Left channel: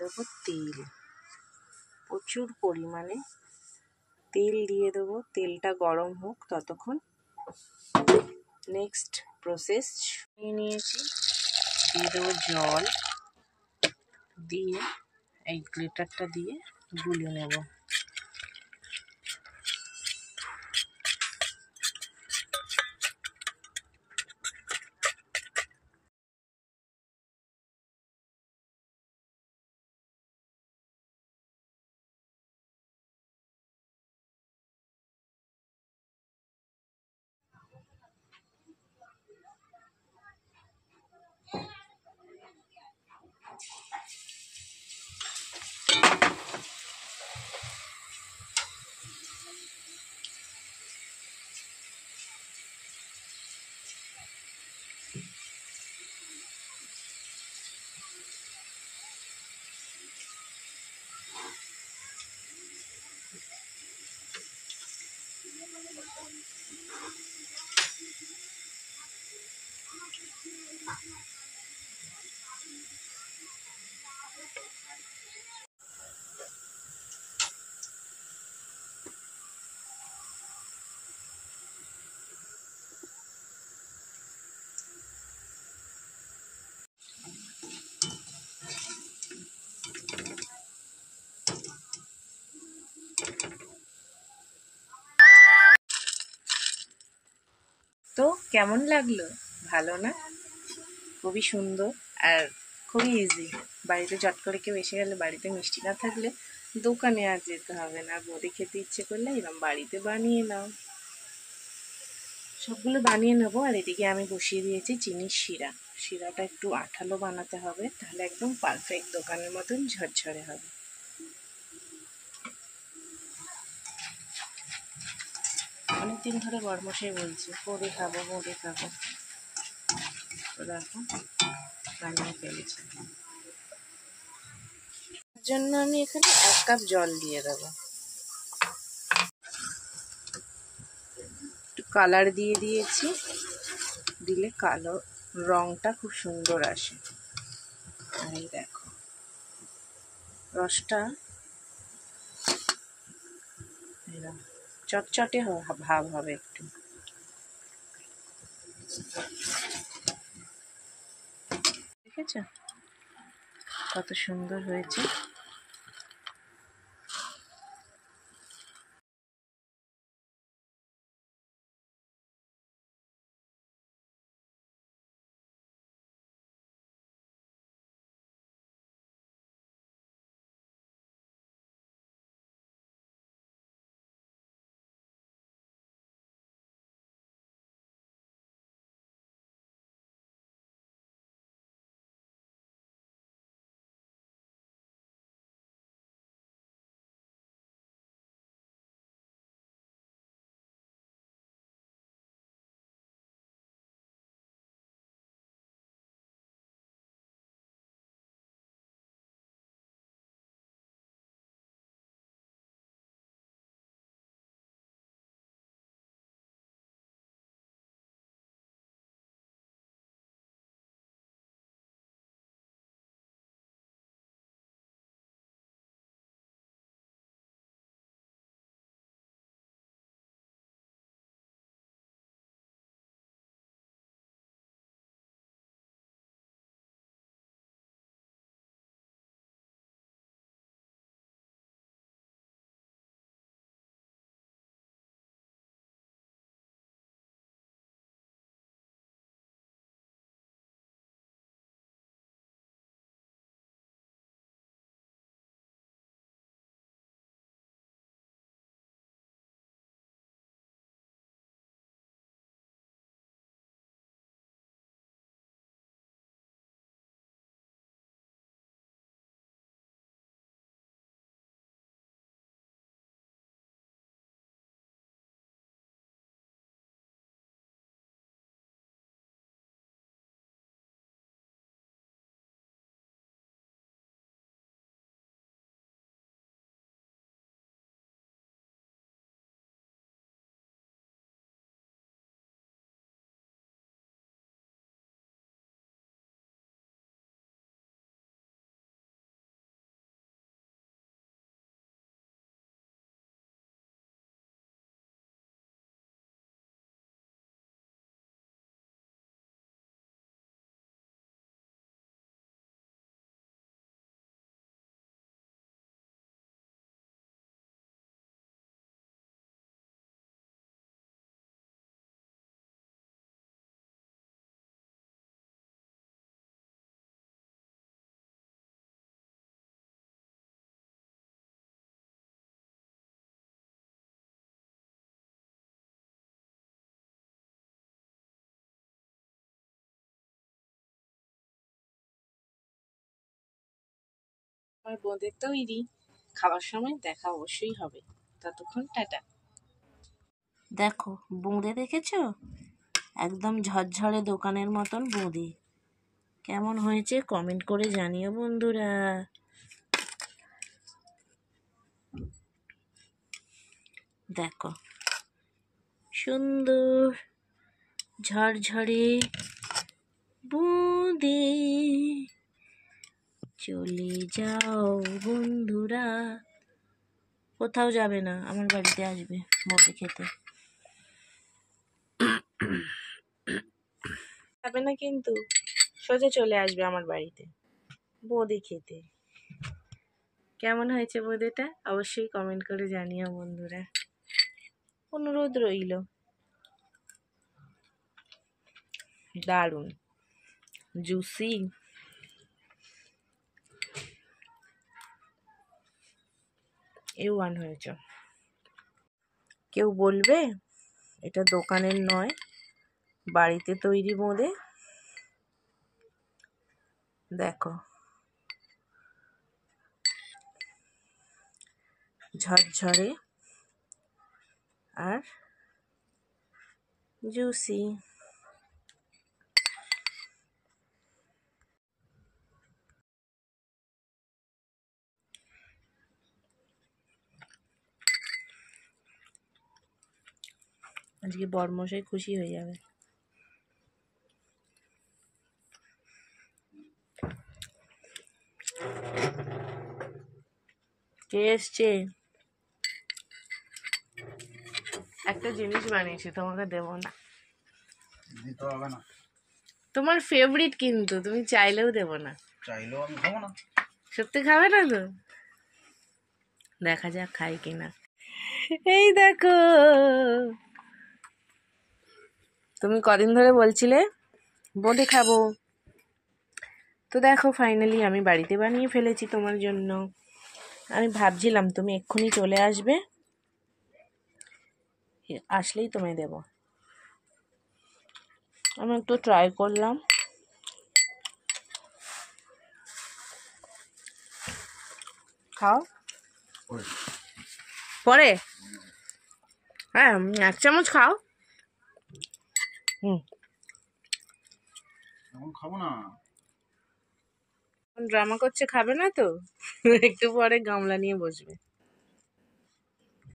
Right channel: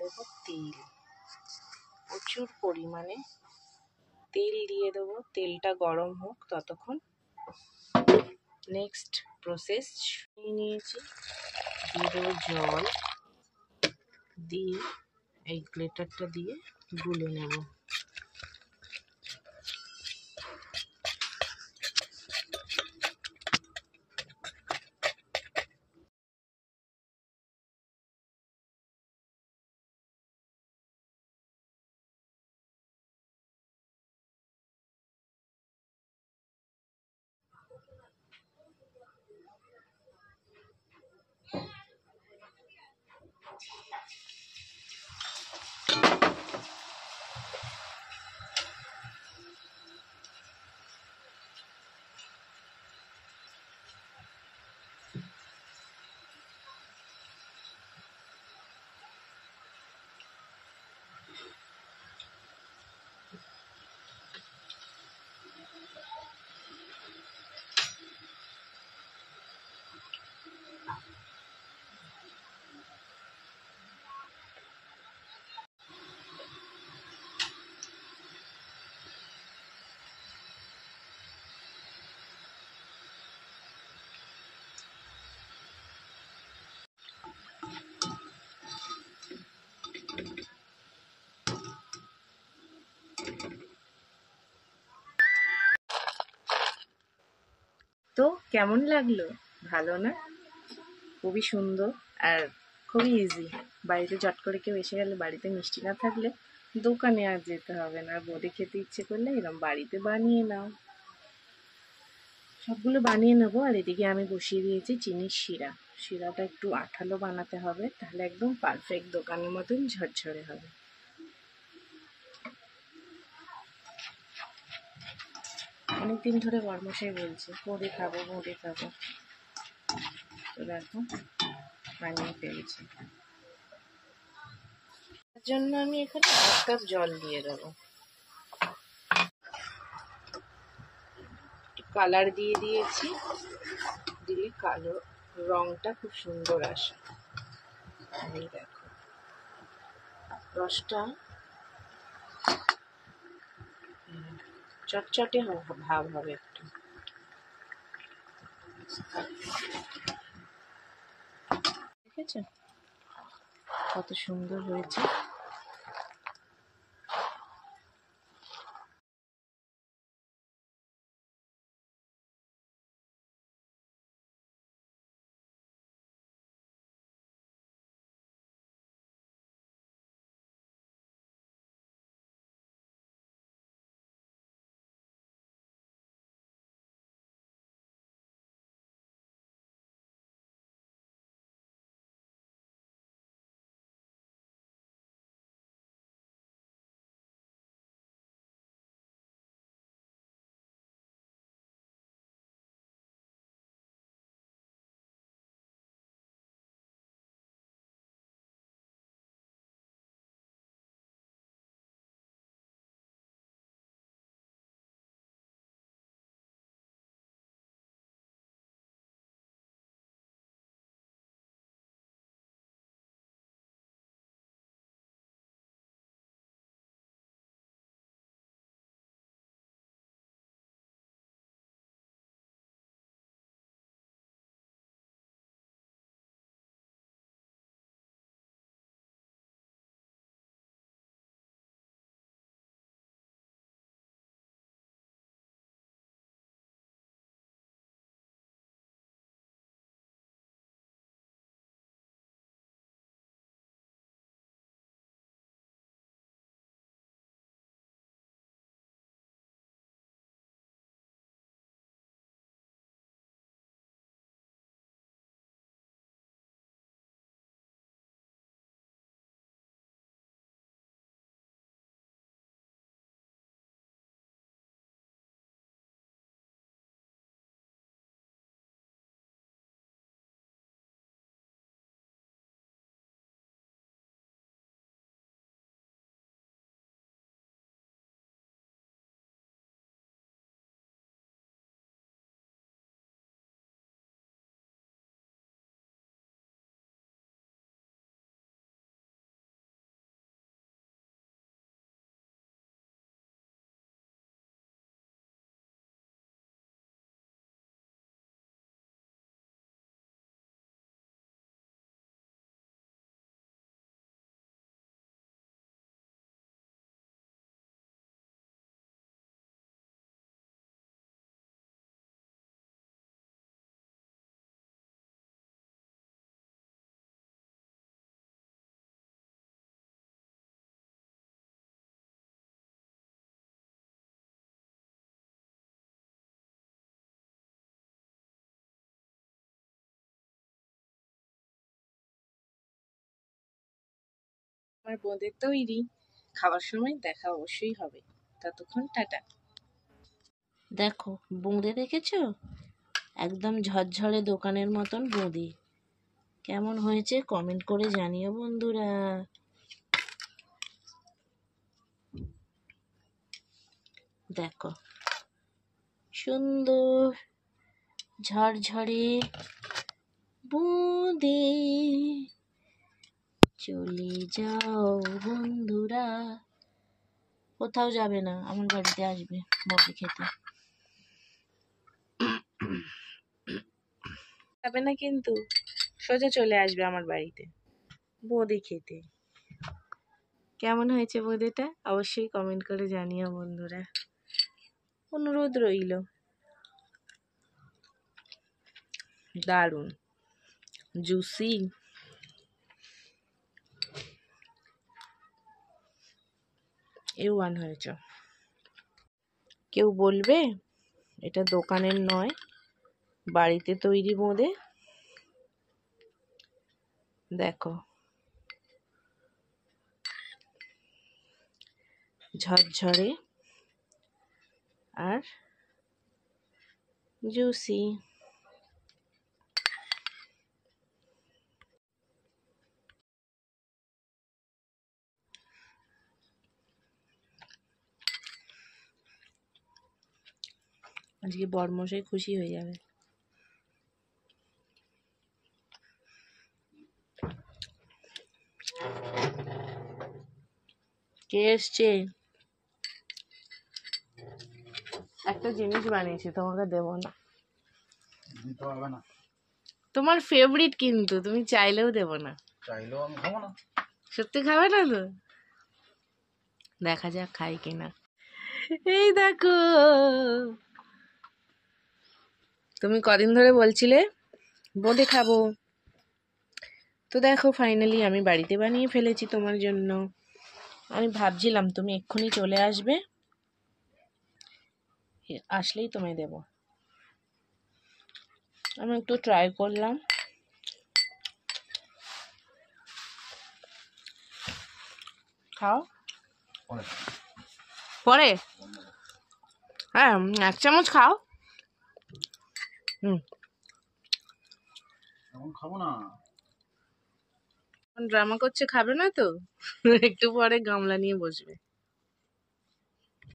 দেবো তেল, প্রচুর পরিমাণে তেল দিয়ে দেবো। তেলটা গরম হোক ততক্ষণ। নেক্সট প্রসেস নিয়েছি, দিয়ে দেবো জল, দিয়ে এই গ্রেটারটা দিয়ে গুলে নেব। তো কেমন লাগলো? ভালো না? খুবই সুন্দর আর খুবই ইজি। বাড়িতে চট করে কেউ এসে গেলে, বাড়িতে মিষ্টি না থাকলে দোকানে আর যেতে হবে না। বোঁদে খেতে ইচ্ছে করলে এরকম বাড়িতে বানিয়ে নাও। সবগুলো বানিয়ে নেবো। আর এদিকে আমি বসিয়ে দিয়েছি চিনির শিরা। শিরাটা একটু আঠালো বানাতে হবে, তাহলে একদম পারফেক্ট দোকানের মতন ঝরঝরে হবে। অনেকদিন ধরে বরমশাই বলছে বোঁদে খাবো, বোঁদে খাবো। তো দেখো বানিয়ে ফেলেছি। তার জন্য আমি এখানে 1 কাপ জল দিয়ে দেবো। একটু কালার দিয়ে দিয়েছি, দিলে কালো রংটা খুব সুন্দর আসে। আর এই দেখো রসটা চটচটে ভাব হবে একটু। দেখেছো কত সুন্দর হয়েছে। আমার বোঁদের তৈরি, খাওয়ার সময় দেখা অবশ্যই হবে। ততক্ষণ টাটা। দেখো বোঁদে দেখেছো, একদম ঝরঝরে দোকানের মতন বোঁদে। কেমন হয়েছে কমেন্ট করে জানিও বন্ধুরা। দেখো সুন্দর ঝরঝরে বোঁদে। চলে যাও বন্ধুরা, কোথাও যাবে না, আমার বাড়িতে আসবে বোঁদে খেতে। যাবে না কিন্তু, সোজা চলে আসবে আমার বাড়িতে বোঁদে খেতে। কেমন হয়েছে বোঁদেটা অবশ্যই কমেন্ট করে জানিও বন্ধুরা, অনুরোধ রইল। দারুণ জুসি, A1 হয়েছে। কেউ বলবে এটা দোকানের নয়, বাড়িতে তৈরি বোঁদে। দেখো ঝরঝরে আর জুসি। আজকে বড়মশাই খুশি হয়ে যাবে। কে এসছে? একটা জিনিস বানিয়েছি, তোমাকে দেবো না, দিতে হবে না। তোমার ফেভারিট কিন্তু, তুমি চাইলেও দেবো না। চাইলেও আমি খাবো না। সত্যি খাবে না তো? দেখা যাক খাই কিনা। এই দেখো, তুমি কদিন ধরে বলছিলে বোঁদে খাবো, তো দেখো ফাইনালি আমি বাড়িতে বানিয়ে ফেলেছি তোমার জন্য। আমি ভাবছিলাম তুমি এক্ষুনি চলে আসবে, আসলেই তোমায় দেব। আমি একটু ট্রাই করলাম। খাও পরে, হ্যাঁ 1 চামচ খাও। এখন খাবো না। ড্রামা করছে খাবে না তো, একটু পরে গামলা নিয়ে বসবে।